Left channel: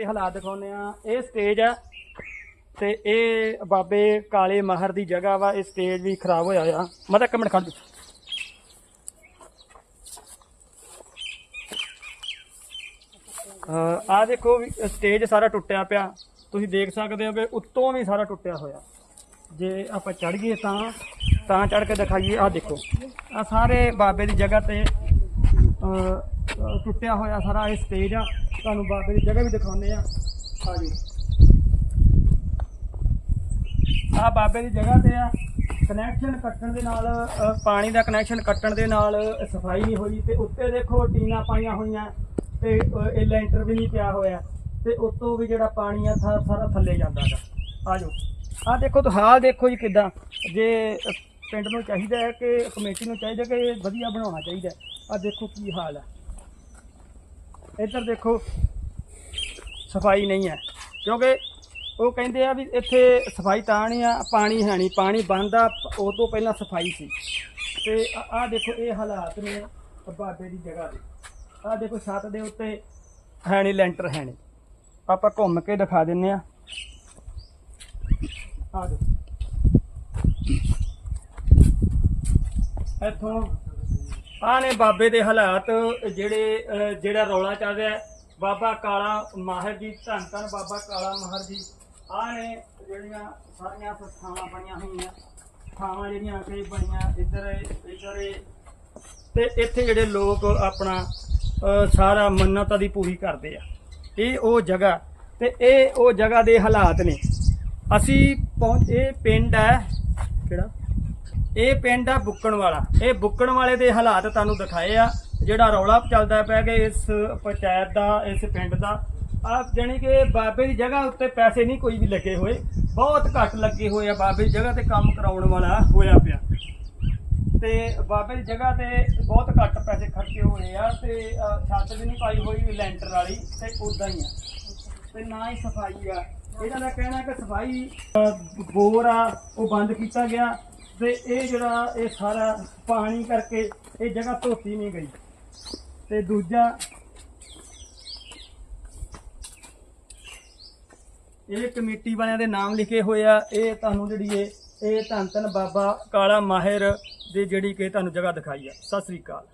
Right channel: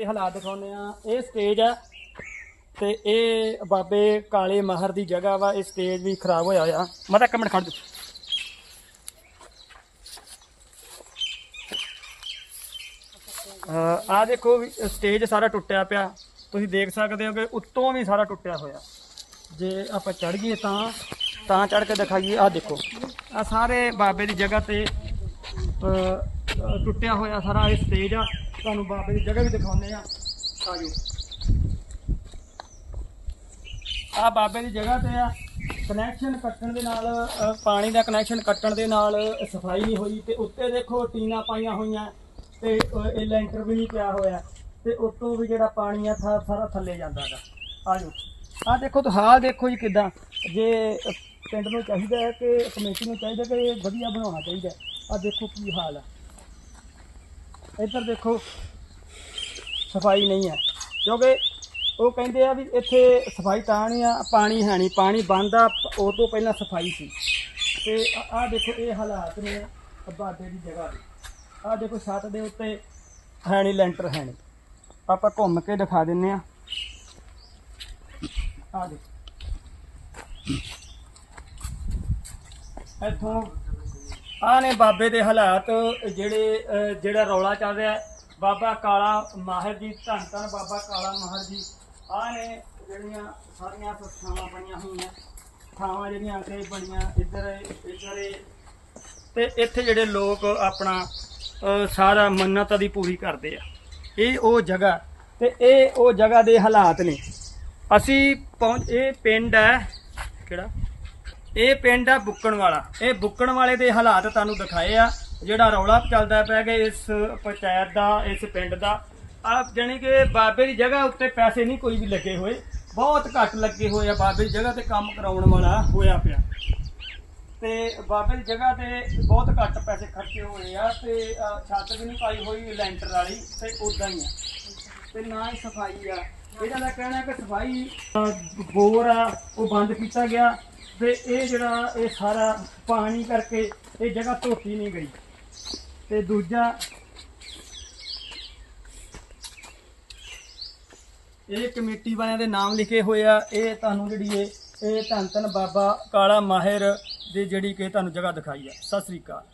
ਦੇ ਹਾਲਾਤ ਦਿਖਾਉਂਦੇ ਆ ਇਹ ਸਟੇਜ ਆ ਤੇ ਇਹ ਬਾਬੇ ਕਾਲੇ ਮਾਹਰ ਦੀ ਜਗ੍ਹਾ ਵਾ। ਇਹ ਸਟੇਜ ਵੀ ਖਰਾਬ ਹੋਇਆ ਹੋਇਆ। ਮੈਂ ਤਾਂ ਇੱਕ ਮਿੰਟ ਖੜ ਜਾ ਆ ਦੇਖੋ ਵੀ ਸਟੇਜ ਸਾਰਾ ਟੁੱਟਿਆ ਪਿਆ। ਤੁਸੀਂ ਦੇਖ ਸਕਦੇ ਹੋ ਕਿ ਉੱਤੋਂ ਵੀ ਸਾਰਾ ਟੁੱਟਿਆ ਹੋਇਆ। ਜੇ ਆਪਾਂ ਚੜ ਗਏ ਤਾਂ ਤਾਂ ਚੜ ਕੇ ਦਿਖਾਈਏ। ਆ ਦੇਖੋ। ਆ ਸਾਰੇ ਬਾਬੇ ਦੀ ਜਗ੍ਹਾ ਤੇ ਟੁੱਟਿਆ ਹੋਇਆ ਸਾਰਾ ਇਹ ਸਟੇਜ ਆ। ਤੁਹਾਨੂੰ ਬਾਬੇ ਦੀ ਜਗ੍ਹਾ ਵੀ ਦਿਖਾਉਂਦੇ ਆ। ਆਜੋ। ਆ ਬਾਬੇ ਦੀ ਜਗ੍ਹਾ ਤੇ ਆ। ਕਨੈਕਸ਼ਨ ਕੱਟਣ ਦੇ ਨਾਲ ਅਹ, ਪਾਣੀ ਦਾ ਕਨੈਕਸ਼ਨ ਕੱਟਣ ਦੇ ਨਾਲ ਸਫ਼ਾਈ ਨਹੀਂ ਹੋਈ ਤੇ ਉੱਤੇ ਦੇਖੋ ਟੀਨਾ ਪਾਈਆਂ ਹੋਈਆਂ ਤੇ ਅਹ, ਇਹ ਲੈਂਟਰ ਵੀ ਨਹੀਂ ਪਿਆ ਹੋਇਆ ਤੇ ਉੱਤੋਂ ਵੀ ਜਿਹੜਾ ਪਾਣੀ ਆ ਥਾ- ਸਾਰਾ ਥੱਲੇ ਜਾਂਦਾ ਗਾ। ਜਾਓ ਆ ਦੇਖੋ ਤਾਂ ਹਾਲ ਦੇਖੋ ਜੀ ਕਿਦਾਂ। ਜੇ ਅਹ, ਪਿੰਡ ਨੂੰ ਚਾਹੀਦਾ ਹੈ ਕਿ ਕਮੇਟੀ ਨੂੰ ਚਾਹੀਦਾ ਕਿ ਇਹ ਵਧੀਆ ਬਣਾਉਣਾ ਚਾਹੀਦਾ ਆ ਦੇਖੋ ਕੀ ਹਾਲ ਆ। ਇੱਧਰ ਦੇਖੋ, ਸਫ਼ਾਈ ਨਹੀਂ ਹੈ। ਕਿਉਂਕਿ ਉਹ ਕਹਿੰਦੇ ਆ ਵੀ ਇੱਥੇ ਸਫ਼ਾਈ ਤਾਂ ਨਹੀਂ ਆ, ਪਾਣੀ ਹੈ ਨਹੀਂ। ਪਾਣੀ ਬੰਦ ਆ, ਉਹ ਤੋਂ ਪਹਿਲਾਂ ਸਫ਼ਾਈ ਸੀ। ਤੇ ਆਹ ਦੇਖੋ, ਇਹ ਹਾਲਾਤ ਨੇ ਬਾਬੇ ਦੀ ਜਗ੍ਹਾ ਦੇ। ਆਹ ਦੇਖੋ, ਛੱਤ ਦੇ ਉੱਤੇ ਹੈ ਨਹੀਂ, ਲੈਂਟਰ ਹੈ ਨਹੀਂ। ਆਪਾਂ ਘੁੰਮ ਕੇ ਦਿਖਾ ਦਿੰਨੇ ਆ। ਆਹ ਦੇਖੋ। ਇੱਥੋਂ ਆ ਨੇ ਬਾਬੇ ਦੇ ਹਾਲਾਤ ਜਿਹੜੇ ਜਿਹੜਾ ਰੌਲਾ ਚੱਲ ਰਿਹਾ ਬਾਬਾ ਕਾਲਾ ਮਾਹਰ ਜੀ ਧੰਨ ਧੰਨ ਬਾਬਾ ਕਾਲਾ ਮਾਹਰ ਜੀ। ਆ ਨੇ ਜਿਹੜੀਆਂ ਸਾਰੀਆਂ ਥਾਵਾਂ ਬਣੀਆਂ ਹੋਈਆਂ। ਥਾਵਾਂ ਜਿਹੜੀਆਂ ਤੇ ਬਣੀਆਂ ਇੱਧਰ ਇੱਧਰ ਇਹ। ਤੇ ਇੱਥੇ ਜਿਹੜੇ ਲੋਕ ਆਪਣਾ ਅਹ, ਸਾਰਾ ਮੰਨਤਾਂ ਦੀ ਪੂਰੀ ਕਰਦੇ ਆ। ਇਹ ਉਹ ਜਗ੍ਹਾ ਤੇ ਇਹ ਉਹ ਜਗ੍ਹਾ ਦੇ ਹਾਲਾਤ ਨੇ। ਅਸੀਂ ਪਹੁੰਚ ਇਹ ਪਿੰਡ ਹੈ ਕਿਹੜਾ? ਇਹ ਪਿੰਡ ਆ ਬੁੱਕਣ ਵਾਲਾ। ਇਹ ਬੁੱਕਣ ਵਾਲੇ ਦੇ ਹਾਲਾਤ ਤੁਹਾਨੂੰ ਦਿਖਾਏ ਆ। ਜਿਹੜਾ ਰੌਲਾ ਚੱਲਦਾ ਪਿਆ ਕਿ ਇਸ ਪੰਚਾਇਤ ਦਾ, ਇਸ ਪਿੰਡ ਦਾ ਆ ਜਾਣੀ ਕਿ ਬਾਬੇ ਦੀ ਜਗ੍ਹਾ ਉੱਤੇ ਪੈਸੇ ਨਹੀਂ ਕੋਈ ਵੀ ਲੱਗੇ ਹੋਏ। ਬਹੁਤ ਘੱਟ ਲੱਗੇ ਹੋਏ ਆ ਬਾਬੇ ਦੀ ਜਗ੍ਹਾ ਤੇ ਕੰਮ ਕਰਾਉਣ ਵਾਲਾ ਹੋਇਆ ਪਿਆ। ਤੇ ਬਾਬੇ ਦੀ ਜਗ੍ਹਾ ਤੇ ਬਹੁਤ ਘੱਟ ਪੈਸੇ ਖਰਚੇ ਹੋਏ ਆ ਤੇ ਛੱਤ ਵੀ ਨਹੀਂ ਪਾਈ ਹੋਈ, ਲੈਂਟਰ ਵਾਲੀ ਤੇ ਉਦਾਂ ਹੀ ਆ। ਤੇ ਨਾ ਹੀ ਸਫ਼ਾਈ ਆ। ਇਹਨਾਂ ਦਾ ਕਹਿਣਾ ਕਿ ਸਫ਼ਾਈ ਬੋਰ ਆ, ਉਹ ਬੰਦ ਕੀਤਾ ਗਿਆ। ਤੇ ਇਹ ਜਿਹੜਾ ਇਹ ਸਾਰਾ ਪਾਣੀ ਕਰਕੇ ਇਹ ਜਗ੍ਹਾ ਧੋਤੀ ਨਹੀਂ ਗਈ। ਤੇ ਦੂਜਾ ਇਹ ਕਮੇਟੀ ਵਾਲਿਆਂ ਦੇ ਨਾਮ ਲਿਖੇ ਹੋਏ ਆ। ਇਹ ਤੁਹਾਨੂੰ ਜਿਹੜੀ ਇਹ ਇਹ ਧੰਨ ਧੰਨ ਬਾਬਾ ਕਾਲਾ ਮਾਹਿਰ ਦੀ ਜਿਹੜੀ ਕਿ ਤੁਹਾਨੂੰ ਜਗ੍ਹਾ ਦਿਖਾਈ ਆ। ਸਤਿ ਸ੍ਰੀ ਅਕਾਲ।